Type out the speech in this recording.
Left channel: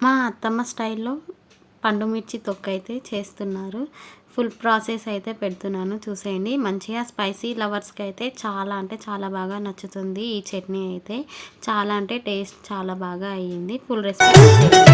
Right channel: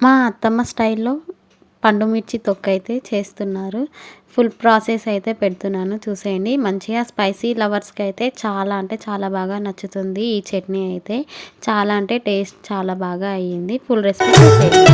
మా అత్తమ్మ స్టైల్లో పండు మిర్చి తొక్కైతే చేస్తున్నారు. ఫుల్ ప్రాసెస్ అయితే పెడుతున్నాను చూసేయండి. మంచిగా స్పైసీ లవర్స్‌కి అయితే చాలా అంటే చాలా బాగా నచ్చుతుంది ఈ చట్నీ అయితే. చాలా అంటే టేస్ట్ చాలా బాగా అయ్యింది. ఫుల్ రెసిపీ చూసేయండి.